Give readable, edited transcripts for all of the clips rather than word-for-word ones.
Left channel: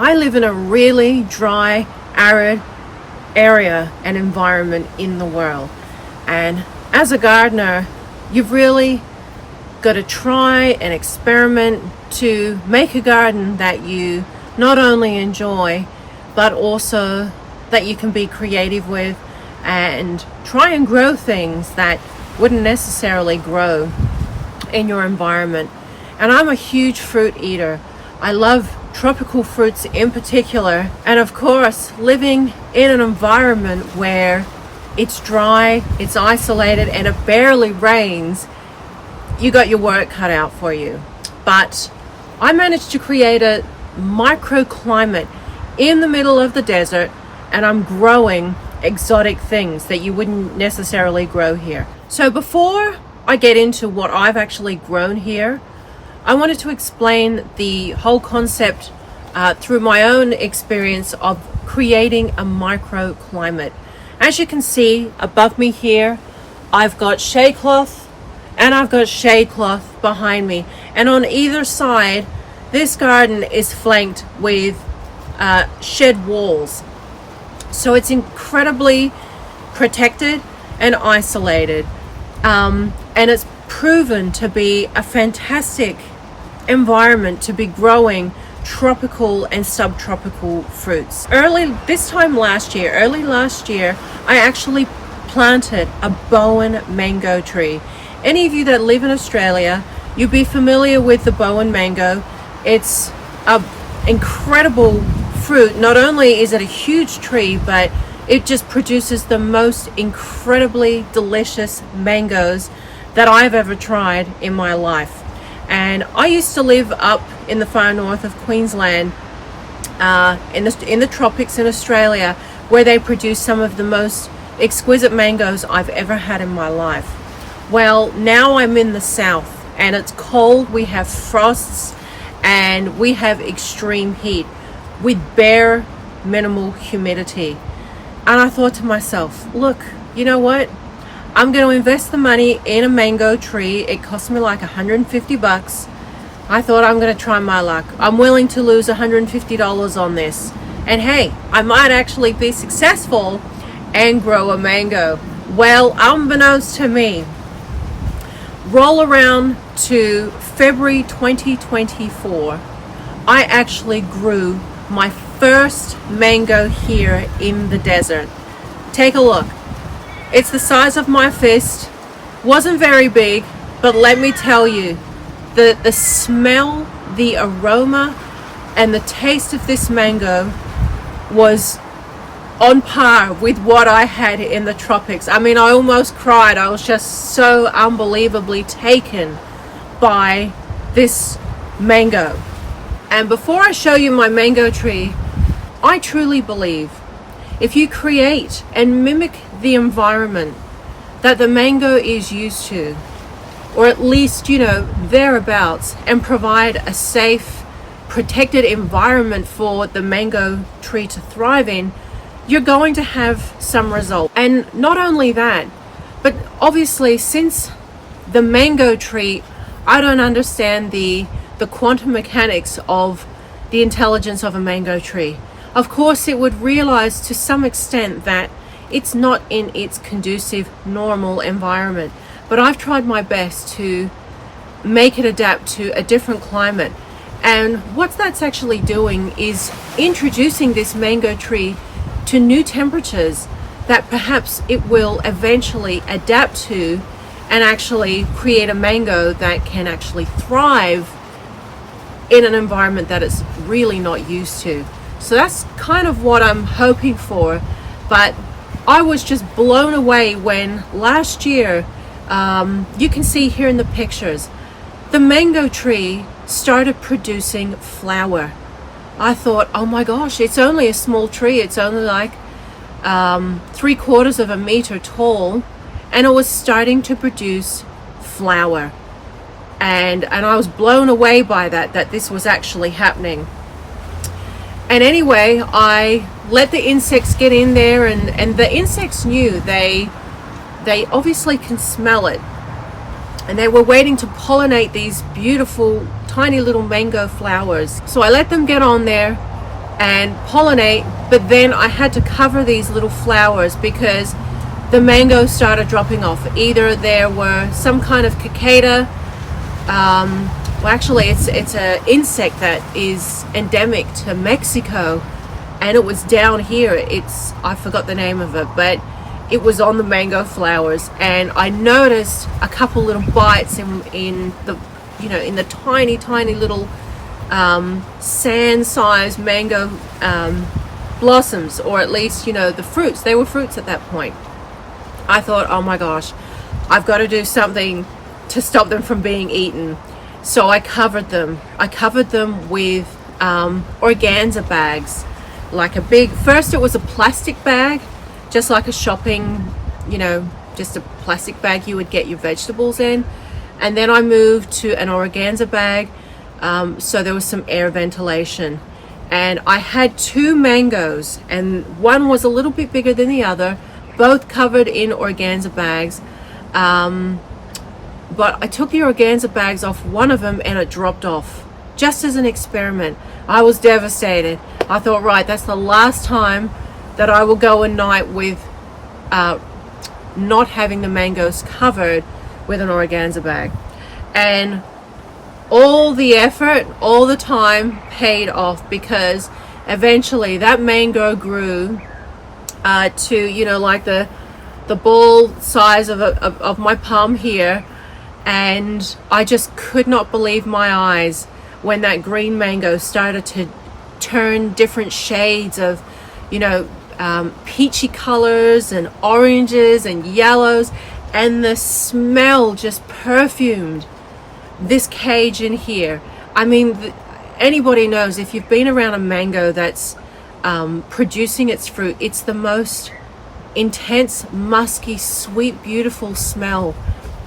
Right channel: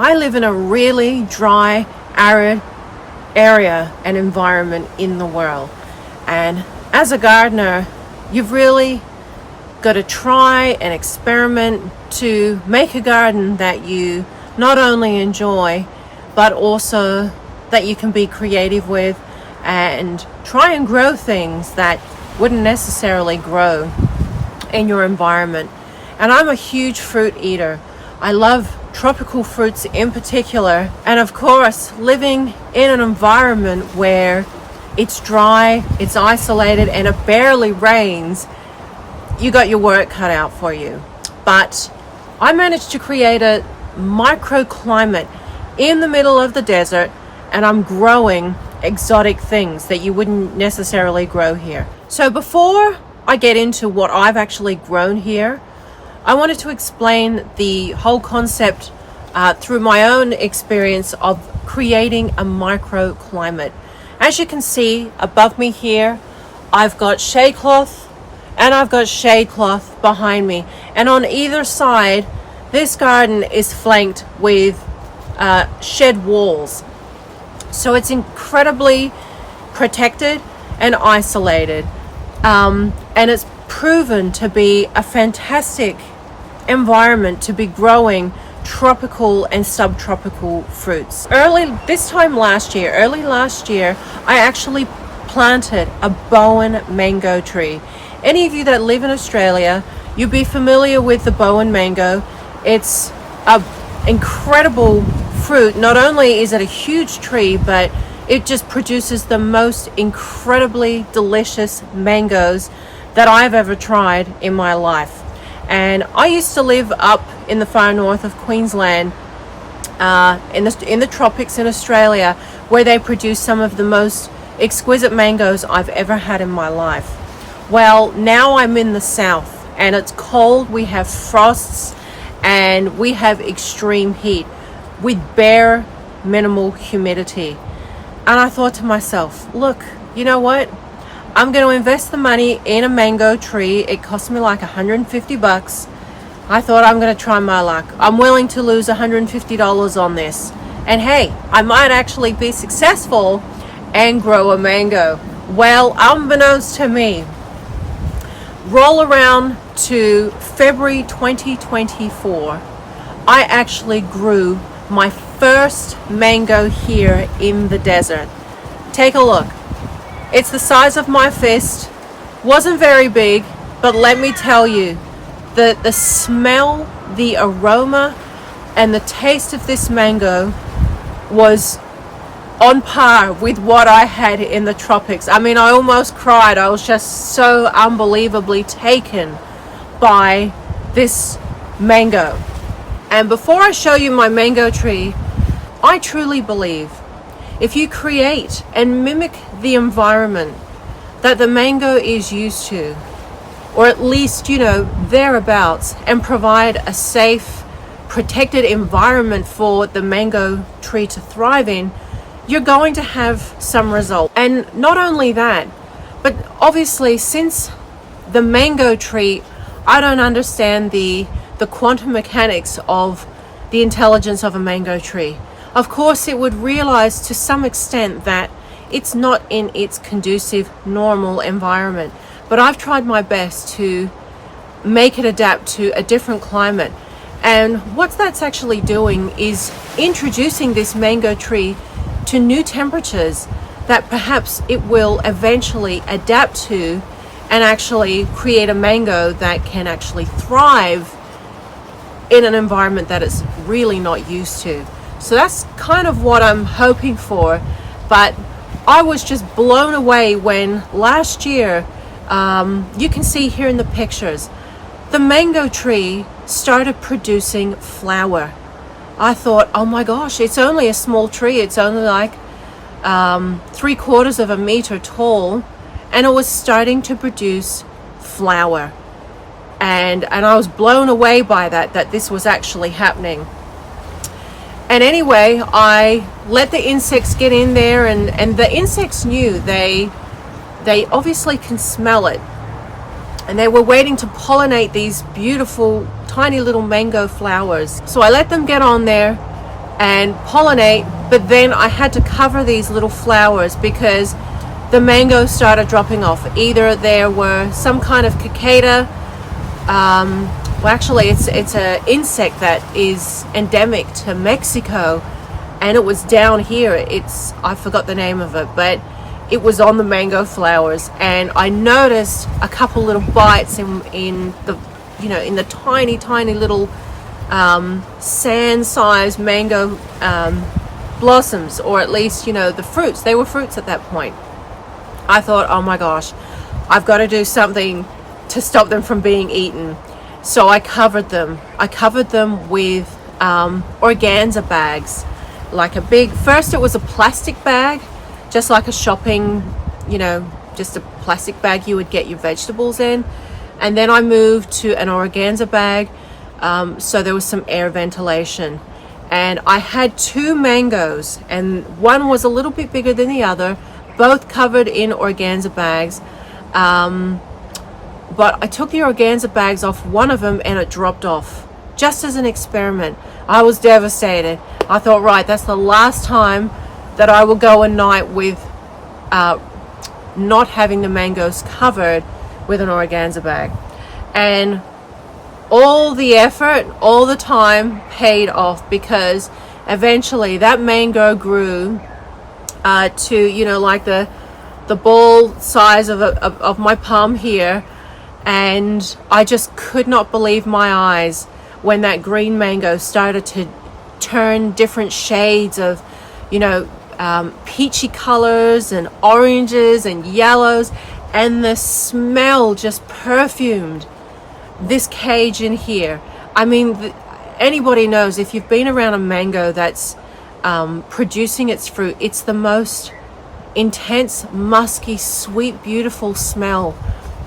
I live in a really dry, arid area and environment in the world. And as a gardener, you've really got to try and experiment to make a garden that you not only enjoy, but also that you can be creative with and try and grow things that wouldn't necessarily grow in your environment. And I'm a huge fruit eater. I love tropical fruits in particular. And of course, living in an environment where it's dry, it's isolated, and it barely rains, you got your work cut out for you. But I managed to create a microclimate in the middle of the desert, and I'm growing exotic things that you wouldn't necessarily grow here. So before I get into what I've actually grown here, I wanted to explain the whole concept through my own experience of creating a microclimate. As you can see above me here, I've got shade cloth and I've got shade cloth behind me. And on either side, this garden is flanked with shed walls. So it's incredibly protected and isolated. And it's proven to be a fantastic environment to be growing tropical and subtropical fruits. Early last year, I actually planted a Bowen mango tree. Any of you that live in Australia, you'll be familiar with the Bowen mango. It's an incredible fruit. Not only is it a huge tree, but it just produces the most incredibly delicious mangoes that I've ever tried in my life. And I used to live up in the far north of Queensland, in the tropics in Australia, where they produce some of the most exquisite mangoes I've ever had in my life. Well, now I'm in the south and it's cold, we have frosts, and we have extreme heat with bare minimal humidity. And I thought to myself, look, you know what? I'm going to invest the money in a mango tree. It cost me like $150. I thought I'm going to try my luck. I'm willing to lose $150 on this. And hey, I might actually be successful and grow a mango. Well, unbeknownst to me, roll around to February 2024, I actually grew my first mango here in the desert. Take a look. It's the size of my fist. Wasn't very big, but let me tell you, the smell, the aroma, and the taste of this mango was on par with what I had in the tropics. I mean, I almost cried. I was just so unbelievably taken by this mango. And before I show you my mango tree, I truly believe if you create and mimic the environment that the mango is used to, or at least, thereabouts, and provide a safe, protected environment for the mango tree to thrive in, you're going to have some result. And not only that, but obviously since the mango tree, I don't understand the quantum mechanics of the intelligence of a mango tree. Of course, it would realize to some extent that it's not in its conducive, normal environment. But I've tried my best to make it adapt to a different climate. And what that's actually doing is introducing this mango tree to new temperatures that perhaps it will eventually adapt to and actually create a mango that can actually thrive in an environment that it's really not used to. So that's kind of what I'm hoping for. But I was just blown away when last year, you can see here in the pictures, the mango tree started producing flower. I thought, oh my gosh, it's only a small tree. It's only like 3/4 of a meter tall, and it was starting to produce flower. And I was blown away by that this was actually happening. And anyway, I let the insects get in there, and the insects knew. They obviously can smell it. And they were waiting to pollinate these beautiful, tiny little mango flowers. So I let them get on there, and pollinate, but then I had to cover these little flowers because the mangoes started dropping off. Either there were some kind of cicada, well actually it's an insect that is endemic to Mexico, and it was down here. I forgot the name of it, but it was on the mango flowers, and I noticed a couple little bites in the, you know, in the tiny little sand-sized mango blossoms, or at least, you know, the fruits. They were fruits at that point. I thought, oh my gosh, I've got to do something to stop them from being eaten. So I covered them. I covered them with organza bags, like a big, first it was a plastic bag, just like a shopping, you know, just a plastic bag you would get your vegetables in. And then I moved to an organza bag, so there was some air ventilation. And I had 2 mangoes, and one was a little bit bigger than the other, both covered in organza bags. But I took the organza bags off one of them and it dropped off, just as an experiment. I was devastated. I thought, right, that's the last time that I will go a night with not having the mangoes covered with an organza bag. And all the effort, all the time paid off, because eventually that mango grew to, you know, like the ball size of my palm here. And I just could not believe my eyes when that green mango started to turn different shades of, you know, peachy colors and oranges and yellows, and the smell just perfumed this cage in here. I mean, anybody knows, if you've been around a mango that's producing its fruit, it's the most intense, musky, sweet, beautiful smell.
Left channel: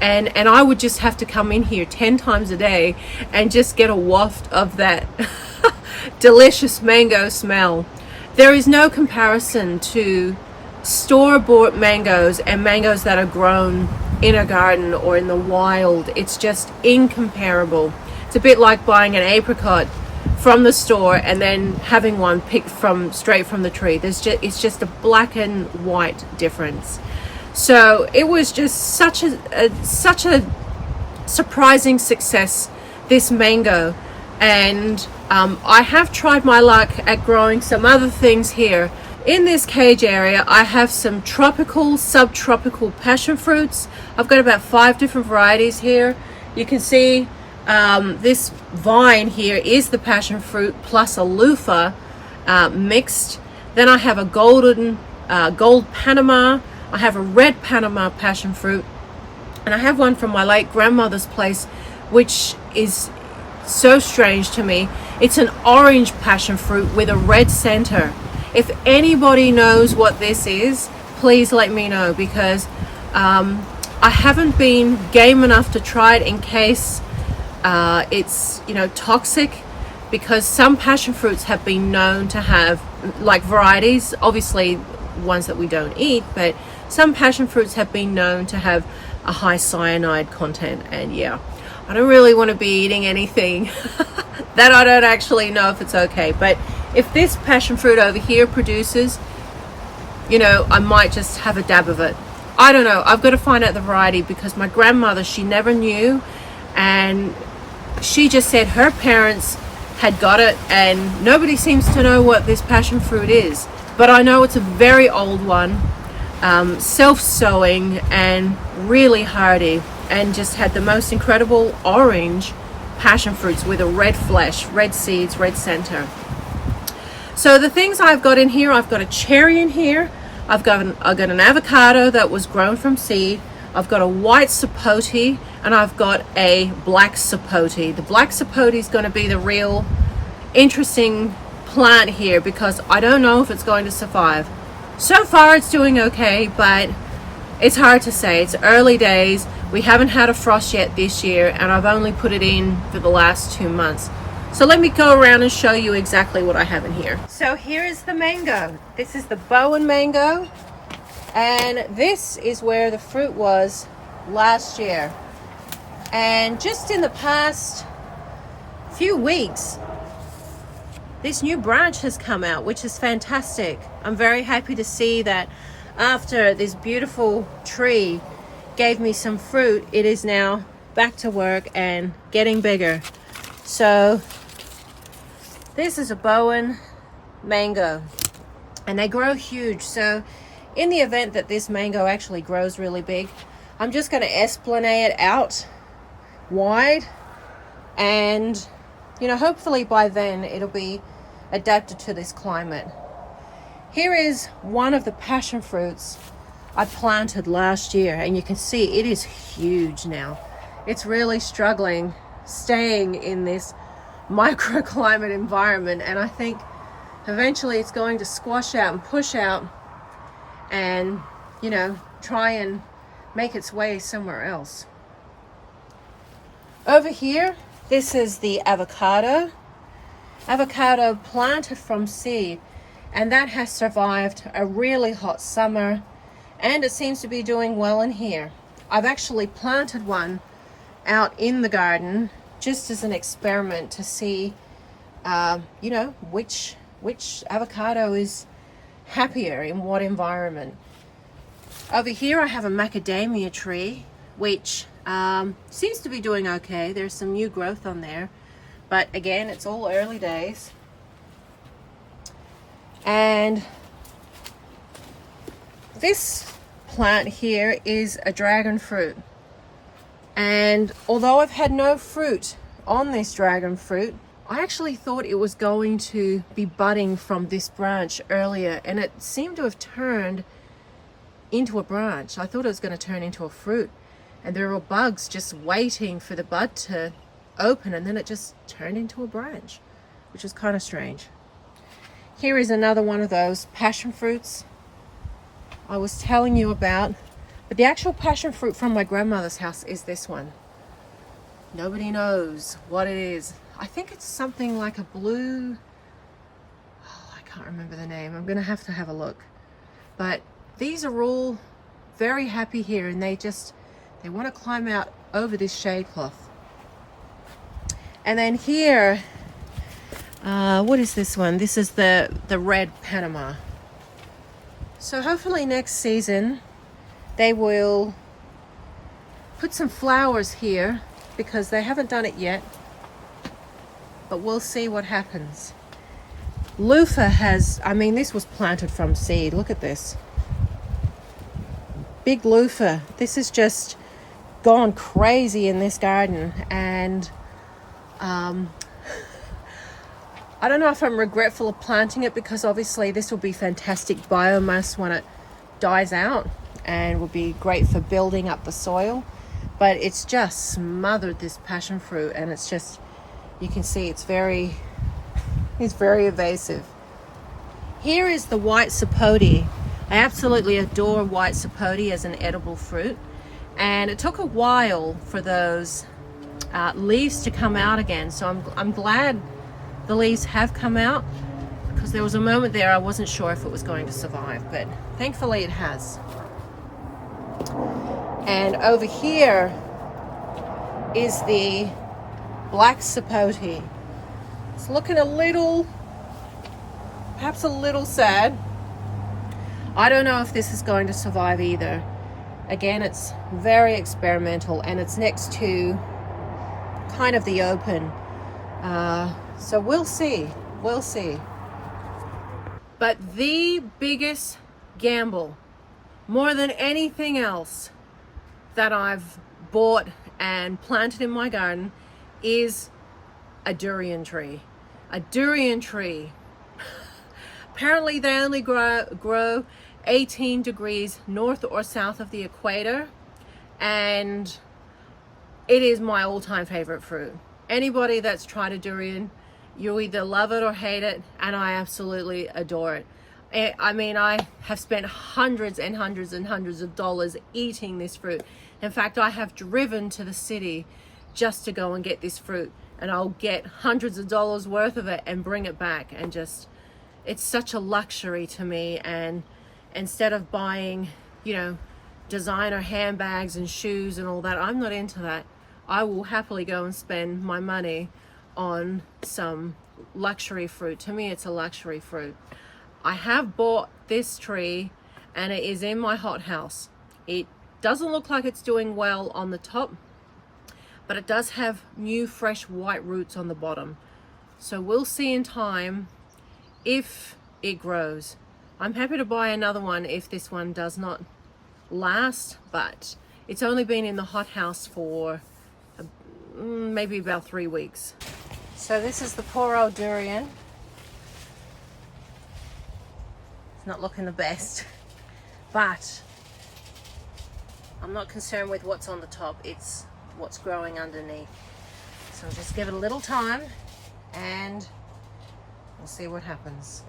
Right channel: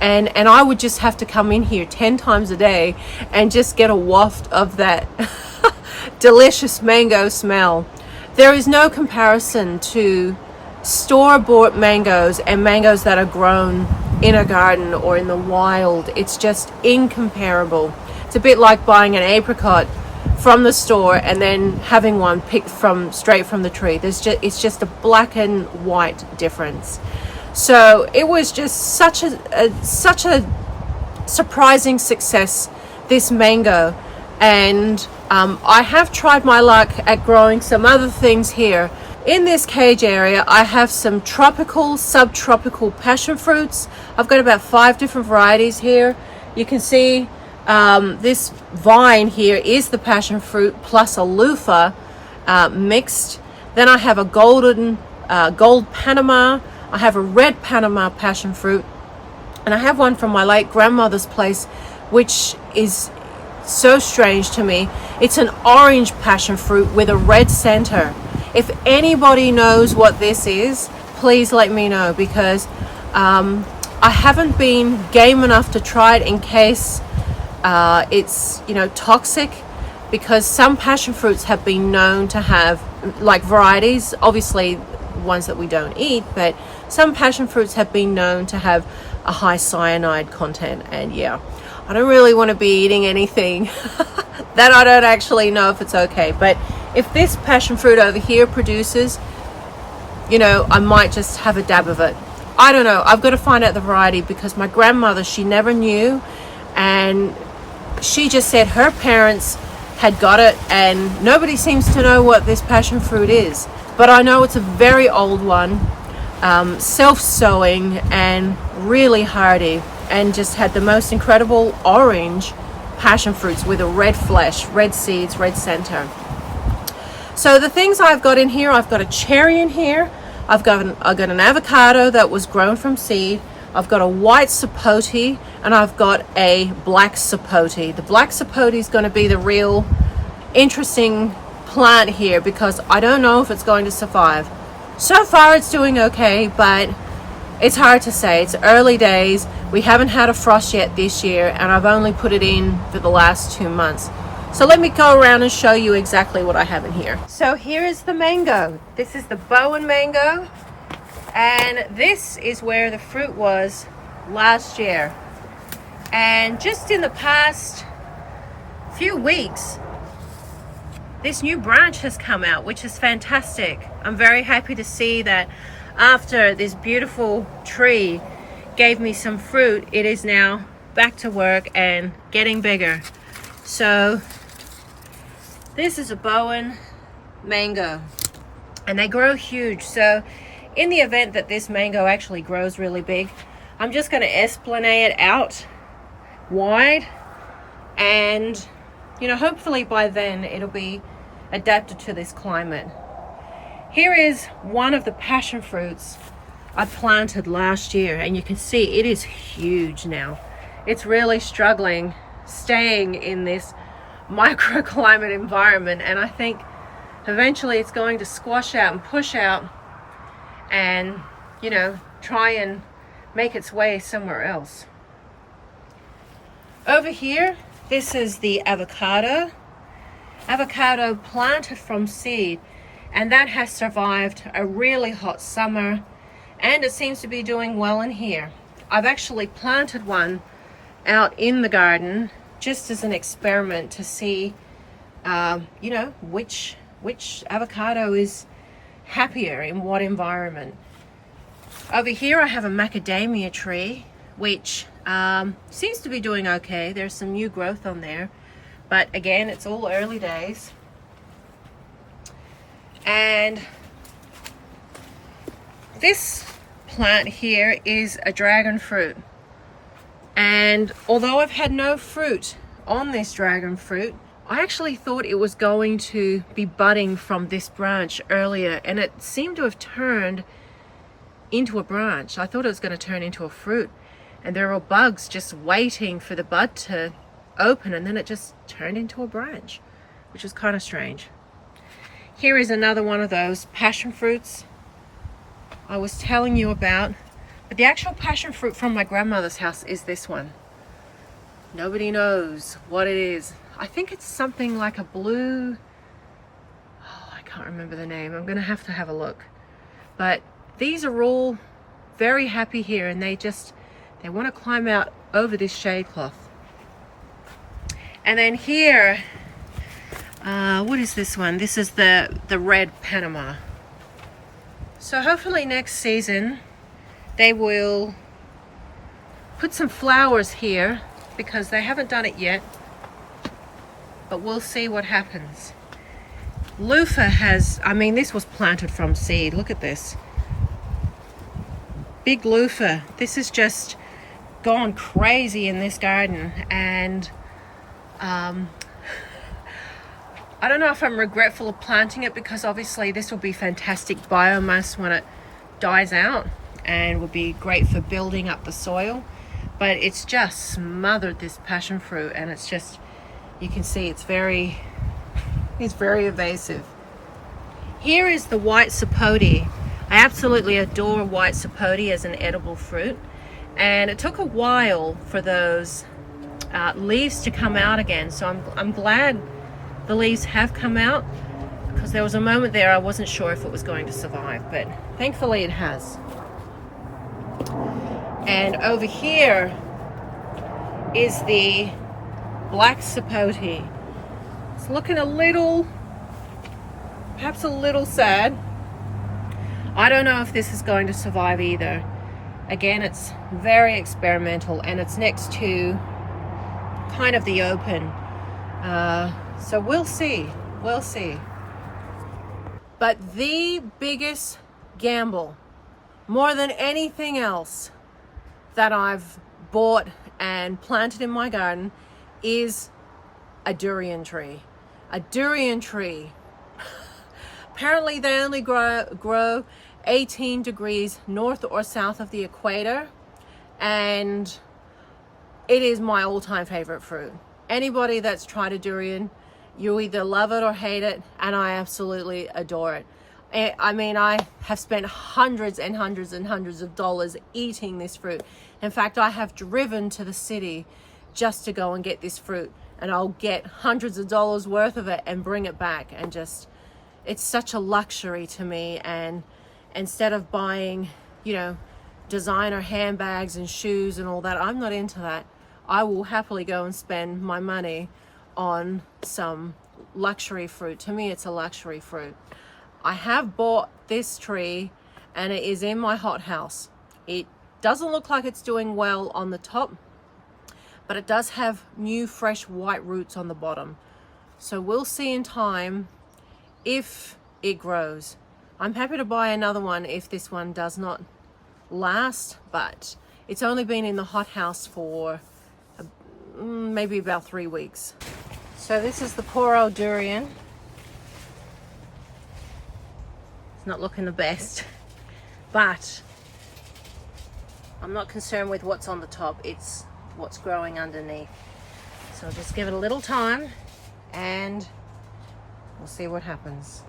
And I would just have to come in here 10 times a day and just get a waft of that delicious mango smell. There is no comparison to store-bought mangoes and mangoes that are grown in a garden or in the wild. It's just incomparable. It's a bit like buying an apricot from the store and then having one picked straight from the tree. It's just a black and white difference. So it was just such a surprising success, this mango. And I have tried my luck at growing some other things here. In this cage area, I have some tropical, subtropical passion fruits. I've got about 5 different varieties here. You can see this vine here is the passion fruit plus a loofah mixed. Then I have a gold Panama. I have a red Panama passion fruit, and I have one from my late grandmother's place, which is so strange to me. It's an orange passion fruit with a red center. If anybody knows what this is, please let me know, because I haven't been game enough to try it in case it's, you know, toxic, because some passion fruits have been known to have, like varieties, obviously ones that we don't eat, but some passion fruits have been known to have a high cyanide content. And yeah, I don't really want to be eating anything that I don't actually know if it's okay. But if this passion fruit over here produces, you know, I might just have a dab of it. I don't know. I've got to find out the variety, because my grandmother, she never knew, and she just said her parents had got it, and nobody seems to know what this passion fruit is. But I know it's a very old one, self-sowing and really hardy, and just had the most incredible orange passion fruits with a red flesh, red seeds, red center. So the things I've got in here, I've got a cherry in here, I've got an avocado that was grown from seed, I've got a white sapote, and I've got a black sapote. The black sapote is going to be the real interesting plant here, because I don't know if it's going to survive. So far it's doing okay, but it's hard to say. It's early days. We haven't had a frost yet this year, and I've only put it in for the last 2 months. So let me go around and show you exactly what I have in here. So here is the mango. This is the Bowen mango, and this is where the fruit was last year. And just in the past few weeks, this new branch has come out, which is fantastic. I'm very happy to see that after this beautiful tree gave me some fruit, it is now back to work and getting bigger. So this is a Bowen mango, and they grow huge. So in the event that this mango actually grows really big, I'm just going to esplanade it out wide, and you know, hopefully by then it'll be adapted to this climate. Here is one of the passion fruits I planted last year, and you can see it is huge now. It's really struggling staying in this microclimate environment, and I think eventually it's going to squash out and push out and, you know, try and make its way somewhere else. Over here, this is the avocado planted from seed, and that has survived a really hot summer, and it seems to be doing well in here. I've actually planted one out in the garden just as an experiment to see you know, which avocado is happier in what environment. Over here I have a macadamia tree, which seems to be doing okay. There's some new growth on there, but again, it's all early days. And this plant here is a dragon fruit, and although I've had no fruit on this dragon fruit, I actually thought it was going to be budding from this branch earlier, and it seemed to have turned into a branch. I thought it was going to turn into a fruit, and there were bugs just waiting for the bud to open, and then it just turned into a branch, which was kind of strange. Here is another one of those passion fruits I was telling you about, but the actual passion fruit from my grandmother's house is this one. Nobody knows what it is. I think it's something like a blue, oh, I can't remember the name. I'm gonna have to have a look. But these are all very happy here, and they want to climb out over this shade cloth. And then here, what is this one? This is the red Panama. So hopefully next season they will put some flowers here, because they haven't done it yet, but we'll see what happens. Loofah has, I mean, this was planted from seed. Look at this. Big loofah. This has just gone crazy in this garden, and I don't know if I'm regretful of planting it, because obviously this will be fantastic biomass when it dies out and will be great for building up the soil. But it's just smothered this passion fruit, and it's just, you can see it's very evasive. Here is the white sapote. I absolutely adore white sapote as an edible fruit, and it took a while for those leaves to come out again. So I'm glad the leaves have come out, because there was a moment there I wasn't sure if it was going to survive, but thankfully it has. And over here is the black sapote. It's looking perhaps a little sad. I don't know if this is going to survive either. Again, it's very experimental, and it's next to kind of the open. So we'll see. But the biggest gamble, more than anything else that I've bought and planted in my garden, is a durian tree. A durian tree. Apparently they only grow 18 degrees north or south of the equator, and it is my all-time favorite fruit. Anybody that's tried a durian, you either love it or hate it, and I absolutely adore it. I mean, I have spent hundreds and hundreds and hundreds of dollars eating this fruit. In fact, I have driven to the city just to go and get this fruit, and I'll get hundreds of dollars worth of it and bring it back, and just, it's such a luxury to me. And instead of buying, you know, designer handbags and shoes and all that, I'm not into that. I will happily go and spend my money on some luxury fruit. To me, it's a luxury fruit. I have bought this tree and it is in my hothouse. It doesn't look like it's doing well on the top, but it does have new fresh white roots on the bottom. So we'll see in time if it grows. I'm happy to buy another one if this one does not last, but it's only been in the hothouse for maybe about 3 weeks. So this is the poor old durian. It's not looking the best, but I'm not concerned with what's on the top, it's what's growing underneath. So I'll just give it a little time and we'll see what happens.